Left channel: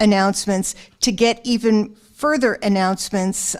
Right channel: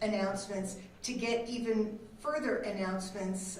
announcements to get even further announcements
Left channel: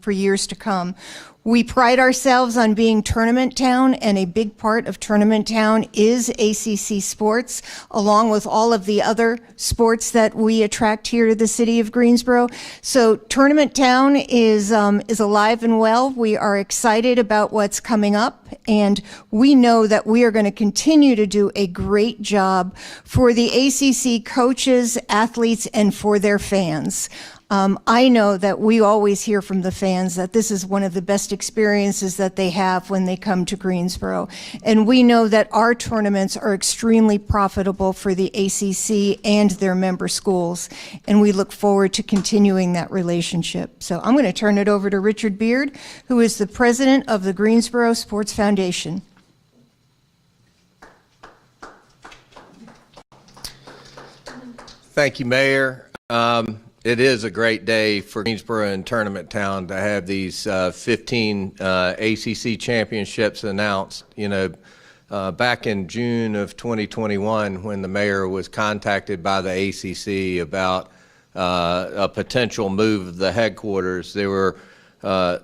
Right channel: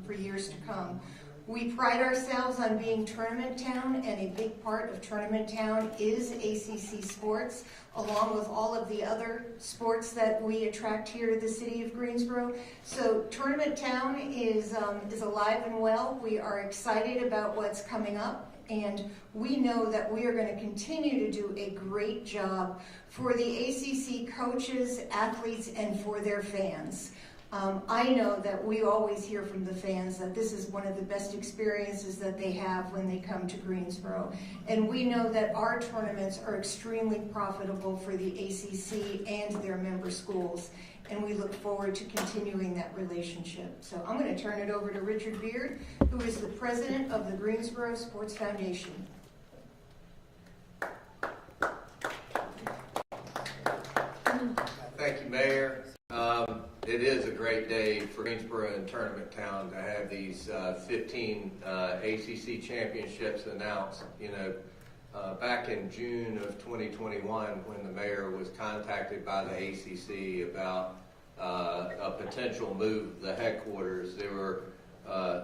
for years to come. We pride ourselves on being Tournament Town, and a big part of Tournament Town is ACC sports, along with all of the other sports that we attract here to the city of Greensboro. So Tournament Town is alive and well. We are excited about what's coming up, and we know that we are going to continue to do a great job for the ACC coaches, athletes, and for their fans. I know that we always hear from the fans that this is one of the best experiences that they have when they come to Greensboro. And we know that our tournaments are extremely profitable for the ACC and their member schools. And we look forward to continuing that relationship. So I'm going to turn it over to Richard Beard, who is the president of the Greensboro Sports Foundation. Thank you, Mayor. It is a great day for Greensboro and Tournament Town to have these 15 ACC championships announced. You know, back in June of 2021, when the mayor was contacted by the ACC about a potential move of the headquarters, there were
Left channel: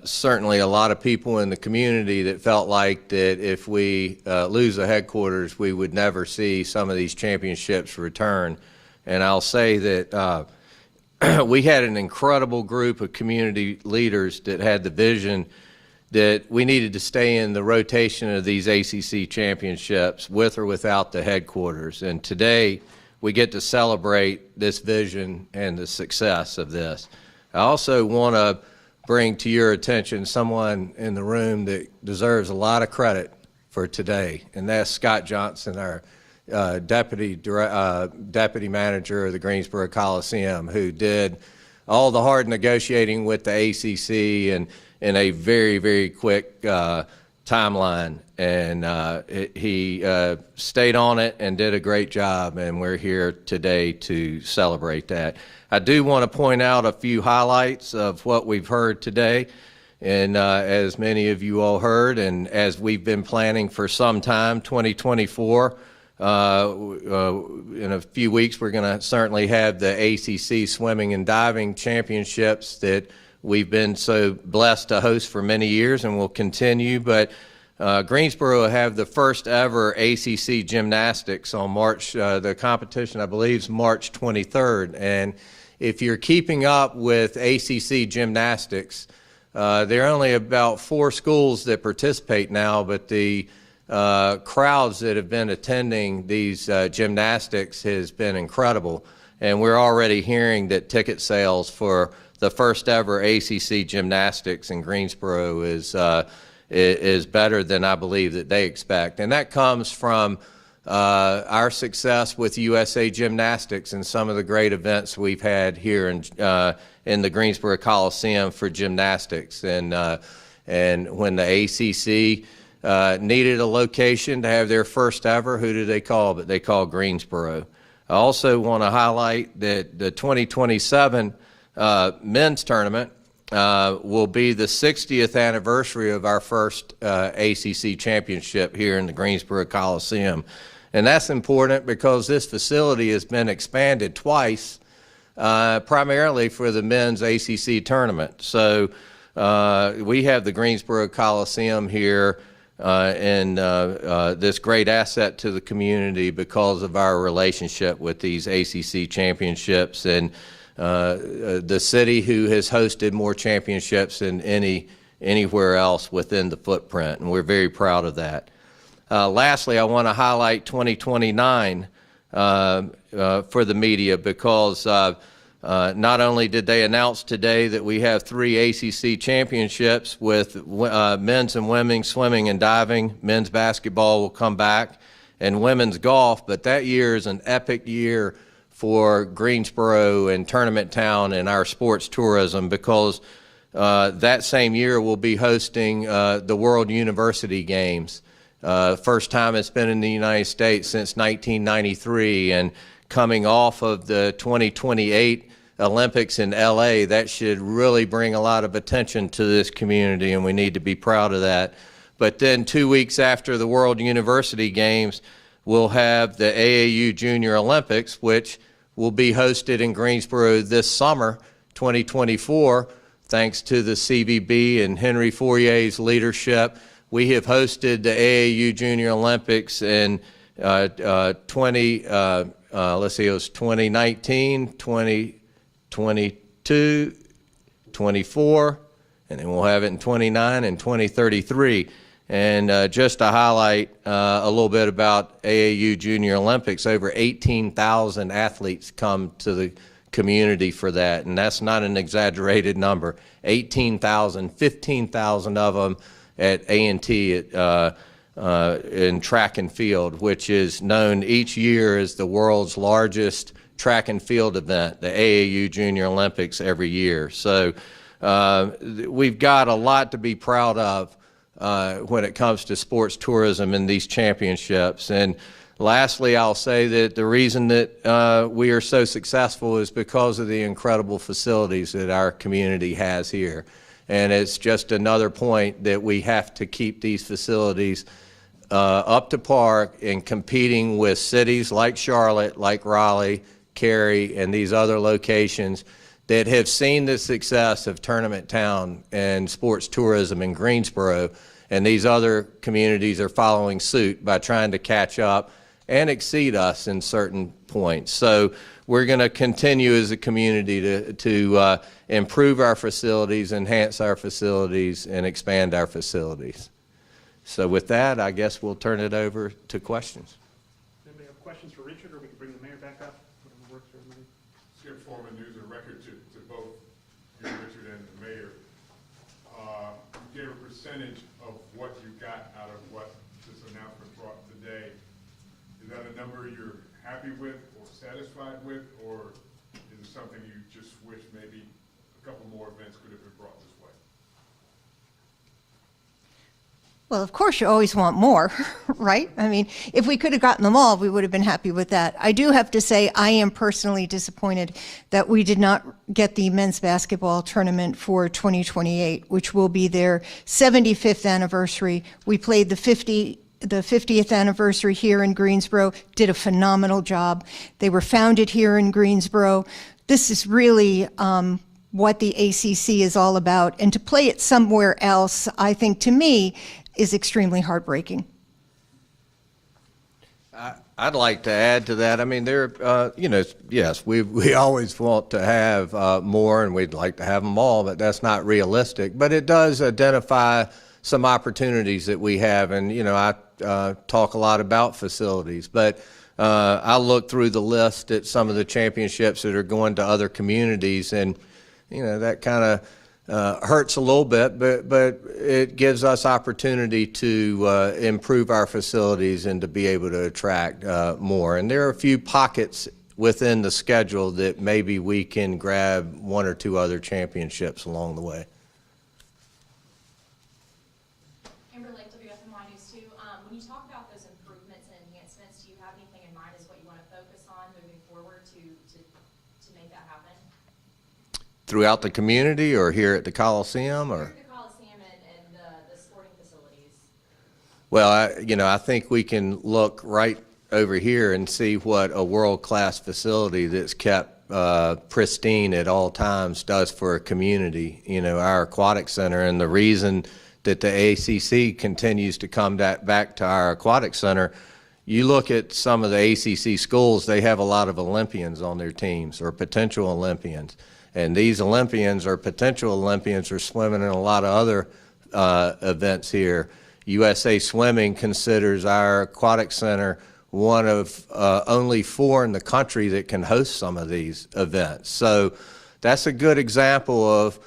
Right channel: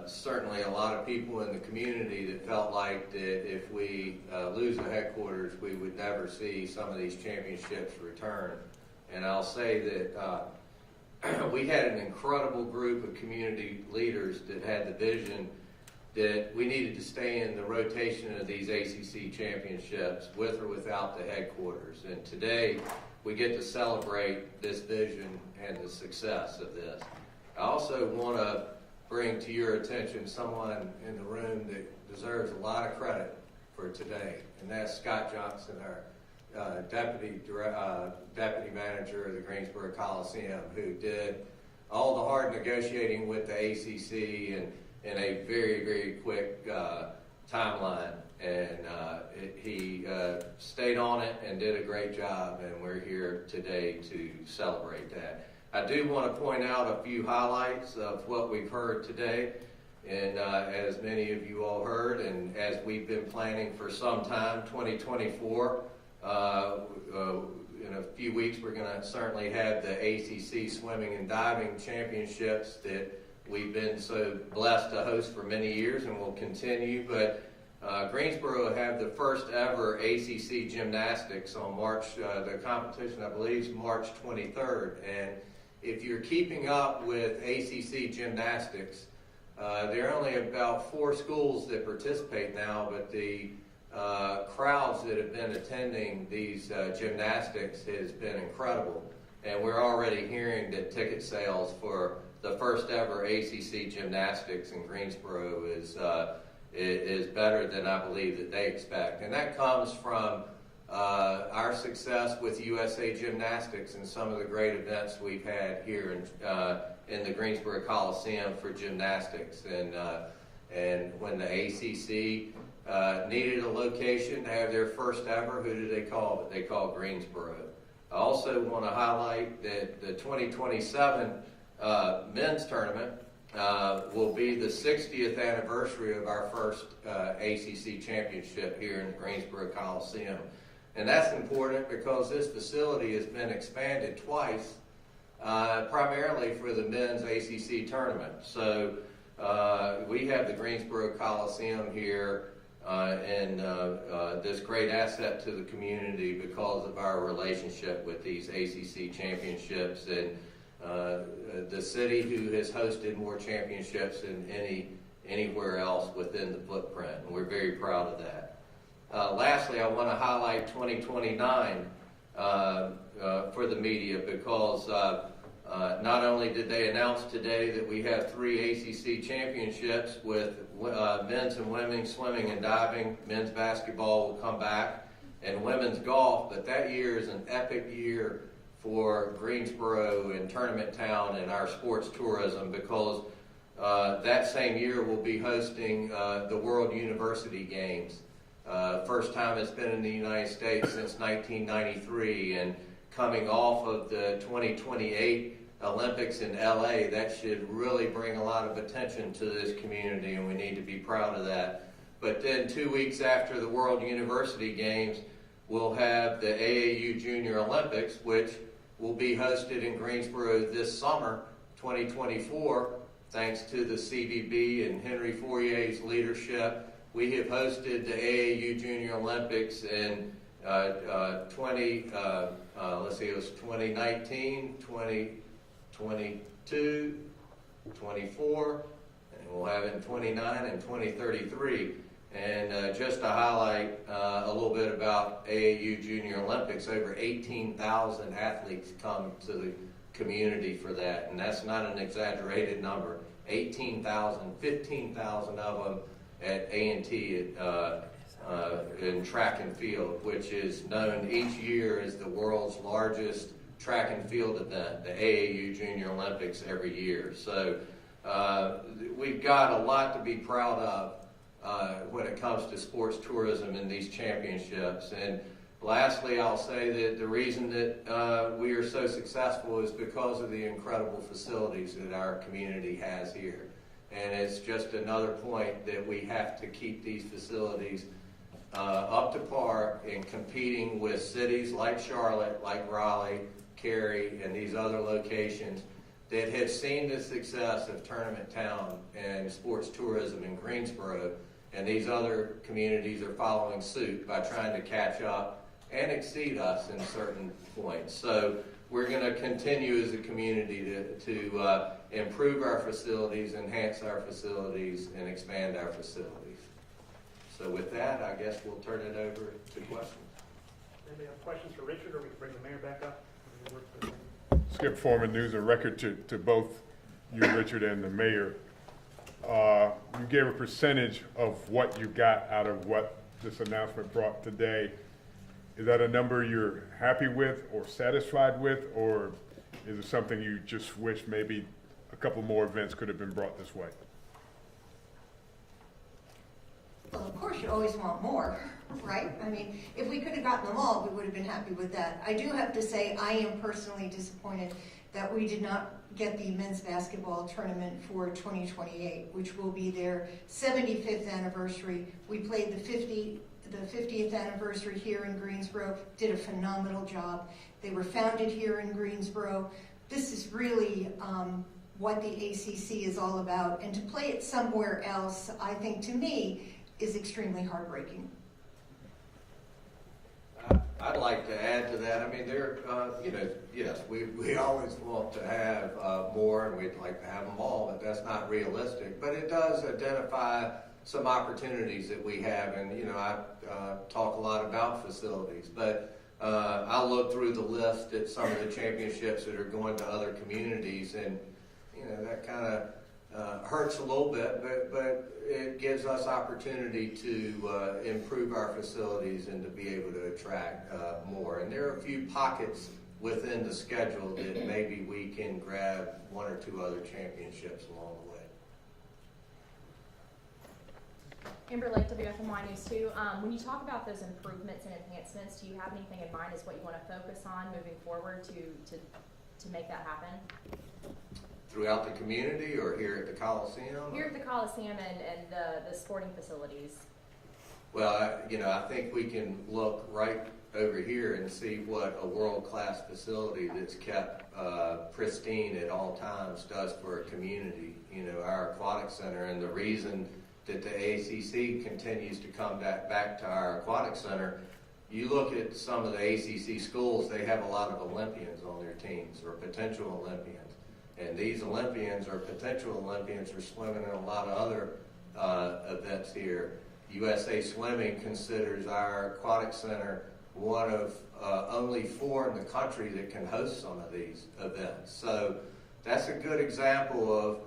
certainly a lot of people in the community that felt like that if we lose the headquarters, we would never see some of these championships return. And I'll say that we had an incredible group of community leaders that had the vision that we needed to stay in the rotation of these ACC championships with or without the headquarters. And today we get to celebrate this vision and the success of this. I also want to bring to your attention someone in the room that deserves a lot of credit for today, and that's Scott Johnson, our deputy manager of the Greensboro Coliseum, who did all the hard negotiating with the ACC and in a very, very quick timeline. And he stayed on it and did a great job, and we're here today to celebrate that. I do want to point out a few highlights of what we've heard today. And as many of you all heard, and as we've been planning for some time, 2024, in a few weeks, we're going to certainly have the ACC Swimming and Diving Championships that we've been so blessed to host for many years and will continue. But Greensboro will have the first ever ACC Gymnastics on the competition, I believe, is March 23rd. And if you're keeping up with ACC Gymnastics, there are only about 4 schools that participate now, but the crowds that have been attending these gymnastics has been incredible, and we're already hearing that ticket sales for the first ever ACC Gymnastics in Greensboro is better than I believe that they expect, and that comes from our success with USA Gymnastics and some of the great events we've had here in the Greensboro Coliseum for gymnastics, and when the ACC needed a location to have their first ever, who do they call? But they call Greensboro. I also want to highlight that the 2027 men's tournament will be the 60th anniversary of our first ACC championship here in the Greensboro Coliseum. And that's important because this facility has been expanded twice, primarily for the men's ACC tournament. So we have the Greensboro Coliseum here and this great asset to the community because of our relationship with these ACC championships, and the city who has hosted more championships than anywhere else within the footprint, and we're very proud of that. Lastly, I want to highlight 2029 for the media because not only did they announce today that we have 3 ACC championships with men's and women's swimming and diving, men's basketball will come back, and women's golf, but that year is an epic year for Greensboro and Tournament Town and our sports tourism because that same year we'll be hosting the World University Games. First time it's been in the United States since 1993, and coming off of the 2028 Olympics in LA, that should really bring a lot of attention to this community, and we need to be proud of that. But then 2 weeks after the World University Games, we'll have the AAU Junior Olympics, which will be hosted in Greensboro this summer, 2024, thanks to the CVB and Henry Fourier's leadership. We have hosted the AAU Junior Olympics in it was 2019, 2022, 24, and then we'll have it in 29 and 2033. And just to highlight a little bit about AAU Junior Olympics, over 18,000 athletes come to the community for that, and that's not an exaggerated number. 18,000, 15,000 of them at A&T in track and field, which is known each year as the world's largest track and field event, the AAU Junior Olympics every year. So we've got a lot to be proud of when it comes to sports tourism in these championships. And lastly, I'll say that the reason that we are so successful is because of the incredible facilities that our community has here. And it's just another point that we have to keep these facilities up to par in competing with cities like Charlotte, like Raleigh, Cary, and these other locations that have seen the success of Tournament Town and sports tourism in Greensboro, and these other communities are following suit by trying to catch up and exceed us in certain points. So we're going to continue as a community to improve our facilities, enhance our facilities, and expand our facilities. So with that, I guess we'll turn it over to questions. Anybody have questions for Richard, or we can bring the mayor back up? Skip Foreman, News and Record to both you, Richard, and the mayor. You gave a percentage of what you got out of what this announcement brought today. Is that a number you're happy with or satisfied with, or is it something you just wish maybe a couple more events could have been brought this way? Well, of course, you always want more, right? I mean, if we could have gotten them all, we would have been happy with that. I do have to say I am personally disappointed that we did not get the men's basketball tournament for 2028, which will be their 75th anniversary. We played the 50th anniversary here in Greensboro, did a phenomenal job. They were founded here in Greensboro. This is really what the ACC is all about. And to play it somewhere else, I think, to me, is extremely heartbreaking. I'd like to add to that. I mean, yes, we always want to have more, and we'd like to have them all, but that's not realistic. But it does identify some opportunities that we have, and I talk a lot about facilities, but I look through the list at some of the championships that are going to other communities, and that kind of hurts a little bit, but it gives us opportunity to improve our facilities and to be able to attract more. And there are a few pockets within the schedule that maybe we can grab one or two other championships along the way. Amber Lake, WFMY News 2. When you talk about those improvements and enhancements, do you have anything in mind as what you want to focus on moving forward to make that happen? Throughout the community, or here at the Coliseum, or here at the Coliseum and the sporting facilities? Well, I think we can look right over here and see what a world-class facility that's kept pristine at all times does for a community. Our aquatic center, and the reason that the ACC continues to come back to our aquatic center. You look at some of the ACC schools, they have a lot of Olympians on their teams, or potential Olympians. And these Olympians or potential Olympians are swimming in a lot of other events here. USA Swimming considers our aquatic center one of only 4 in the country that can host some of these events. So that's a good example of,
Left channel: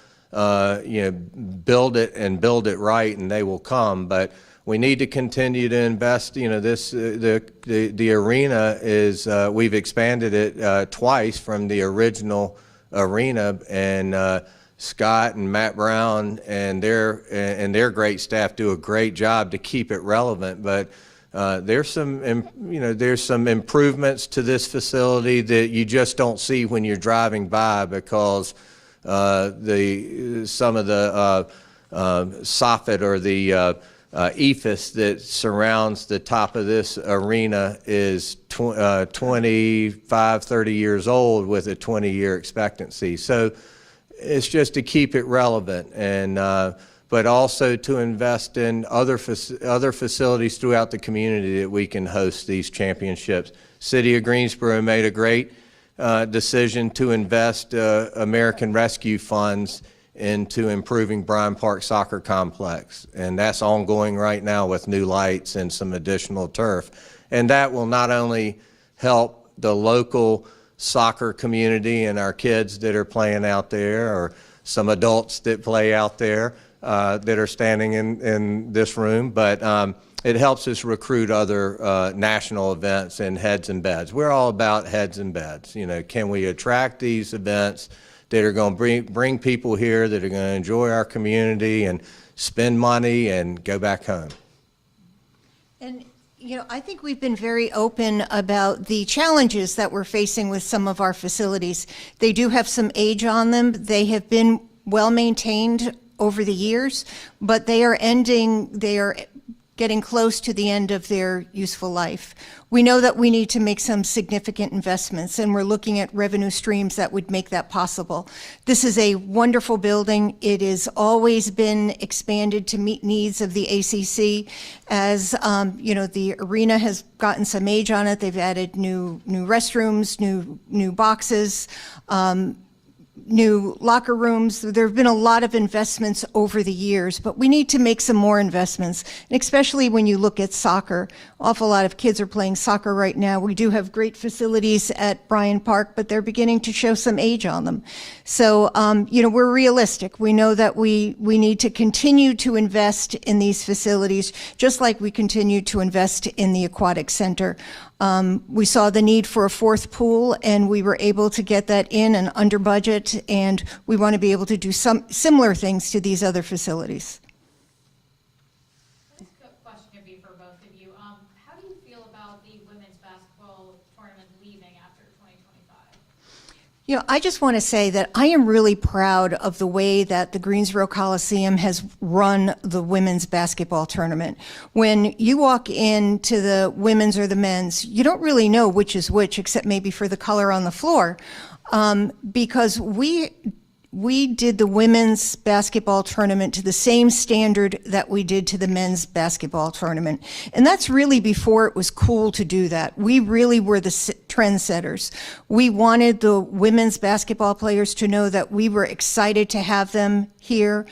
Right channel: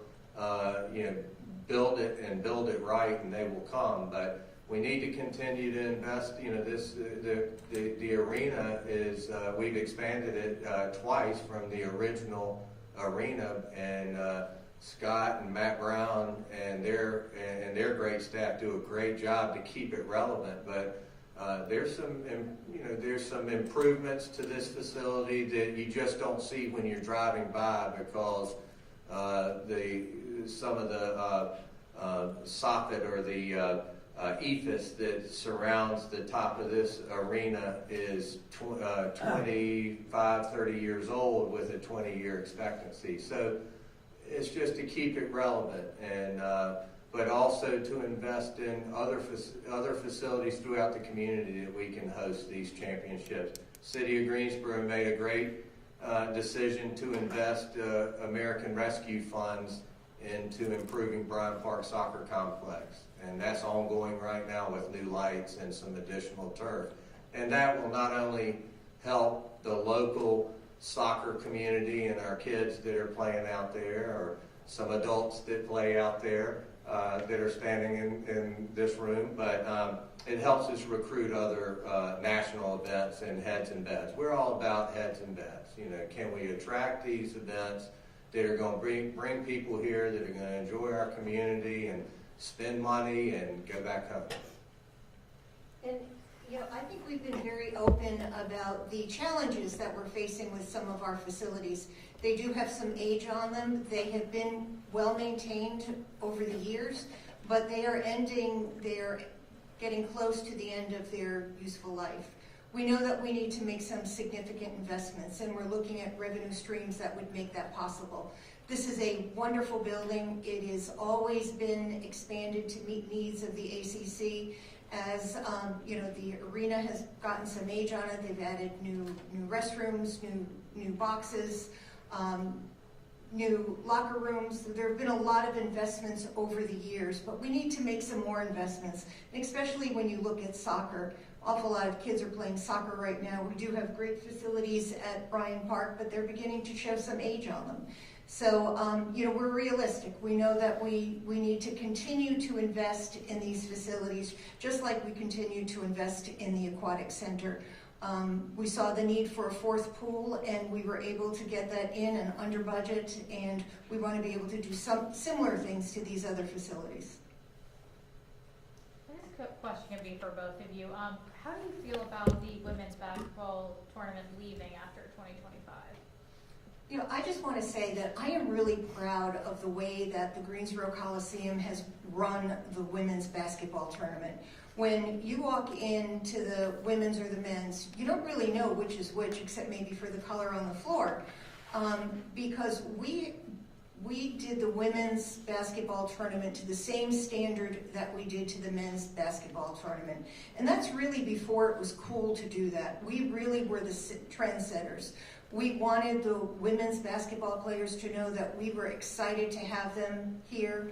build it and build it right, and they will come. But we need to continue to invest. The arena is, we've expanded it twice from the original arena, and Scott and Matt Brown and their great staff do a great job to keep it relevant. But there's some improvements to this facility that you just don't see when you're driving by, because some of the soffit or the ephes that surrounds the top of this arena is 25, 30 years old with a 20-year expectancy. So it's just to keep it relevant, and but also to invest in other facilities throughout the community that we can host these championships. City of Greensboro made a great decision to invest American Rescue funds into improving Bryan Park Soccer Complex, and that's ongoing right now with new lights and some additional turf. And that will not only help the local soccer community and our kids that are playing out there, or some adults that play out there that are standing in this room, but it helps us recruit other national events and heads and beds. We're all about heads and beds. You know, can we attract these events that are going to bring people here that are going to enjoy our community and spend money and go back home? And, you know, I think we've been very open about the challenges that we're facing with some of our facilities. They do have some age on them. They have been well maintained over the years, but they are getting close to the end of their useful life. We know that we need to make some significant investments, and we're looking at revenue streams that would make that possible. This is a wonderful building. It has always been expanded to meet needs of the ACC. As you know, the arena has gotten some age on it. They've added new restrooms, new boxes, new locker rooms. There have been a lot of investments over the years, but we need to make some more investments, and especially when you look at soccer. Awful lot of kids are playing soccer right now. We do have great facilities at Bryan Park, but they're beginning to show some age on them. So, you know, we're realistic. We know that we need to continue to invest in these facilities, just like we continue to invest in the aquatic center. We saw the need for a fourth pool, and we were able to get that in and under budget, and we want to be able to do some similar things to these other facilities. This question can be for both of you. How do you feel about the women's basketball tournament leaving after 2025? You know, I just want to say that I am really proud of the way that the Greensboro Coliseum has run the women's basketball tournament. When you walk into the women's or the men's, you don't really know which is which, except maybe for the color on the floor, because we did the women's basketball tournament to the same standard that we did to the men's basketball tournament. And that's really before it was cool to do that. We really were the trendsetters. We wanted the women's basketball players to know that we were excited to have them here,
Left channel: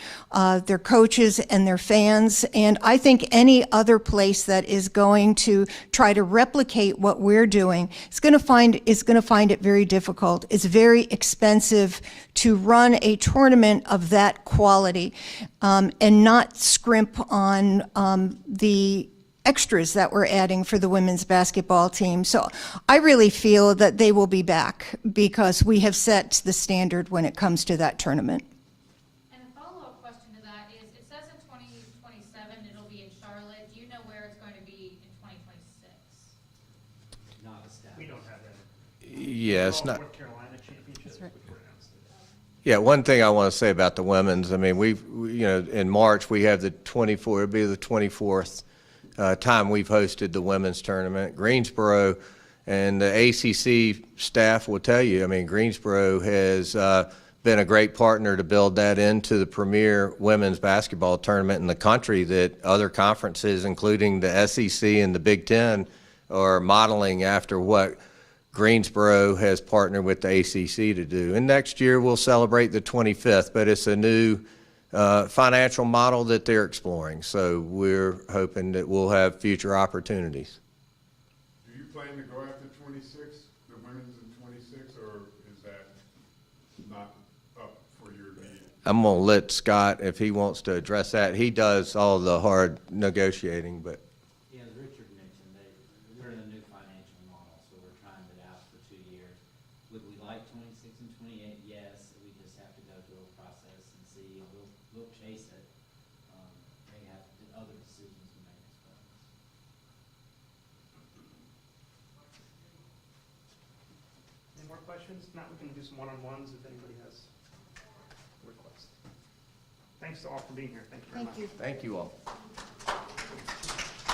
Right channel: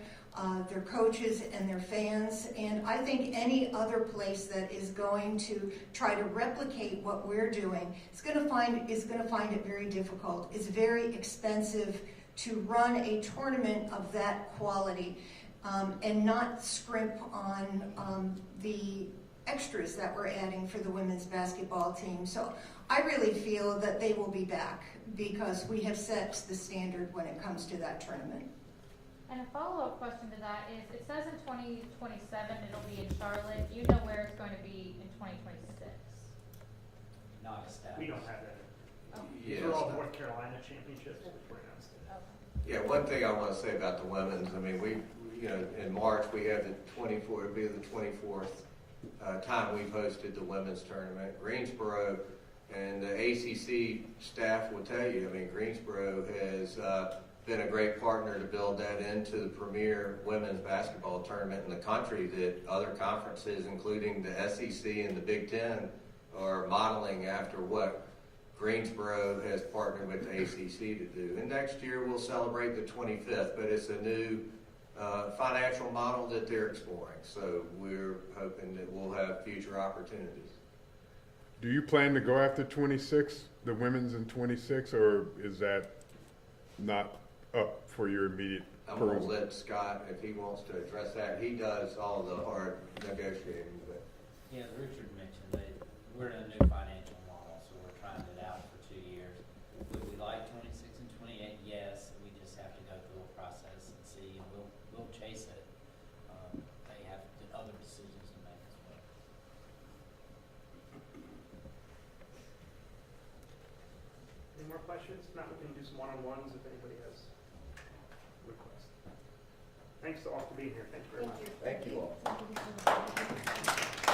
their coaches and their fans. And I think any other place that is going to try to replicate what we're doing is going to find it very difficult. It's very expensive to run a tournament of that quality, and not scrimp on the extras that we're adding for the women's basketball team. So I really feel that they will be back, because we have set the standard when it comes to that tournament. And a follow-up question to that is, it says in 2027 it'll be in Charlotte. Do you know where it's going to be in 2026? Not established. We don't have that. Yes. North Carolina championships, which were announced today. Yeah, one thing I want to say about the women's, I mean, you know, in March, we have it'll be the 24th time we've hosted the women's tournament. Greensboro and the ACC staff will tell you, I mean, Greensboro has been a great partner to build that into the premier women's basketball tournament in the country, that other conferences, including the SEC and the Big Ten, are modeling after what Greensboro has partnered with the ACC to do. And next year we'll celebrate the 25th, but it's a new financial model that they're exploring. So we're hoping that we'll have future opportunities. Do you plan to go after 26, the women's in 26, or is that not up for your immediate? I'm going to let Scott, if he wants to address that. He does all the hard negotiating, but. Yeah, as Richard mentioned, we're in a new financial model, so we're trying it out for 2 years. Would we like 26 and 28? Yes, we just have to go through a process and see, and we'll chase it. They have other decisions to make as well. Any more questions? Not, we can do some one-on-ones if anybody has requests. Thanks to all for being here. Thank you very much. Thank you. Thank you all.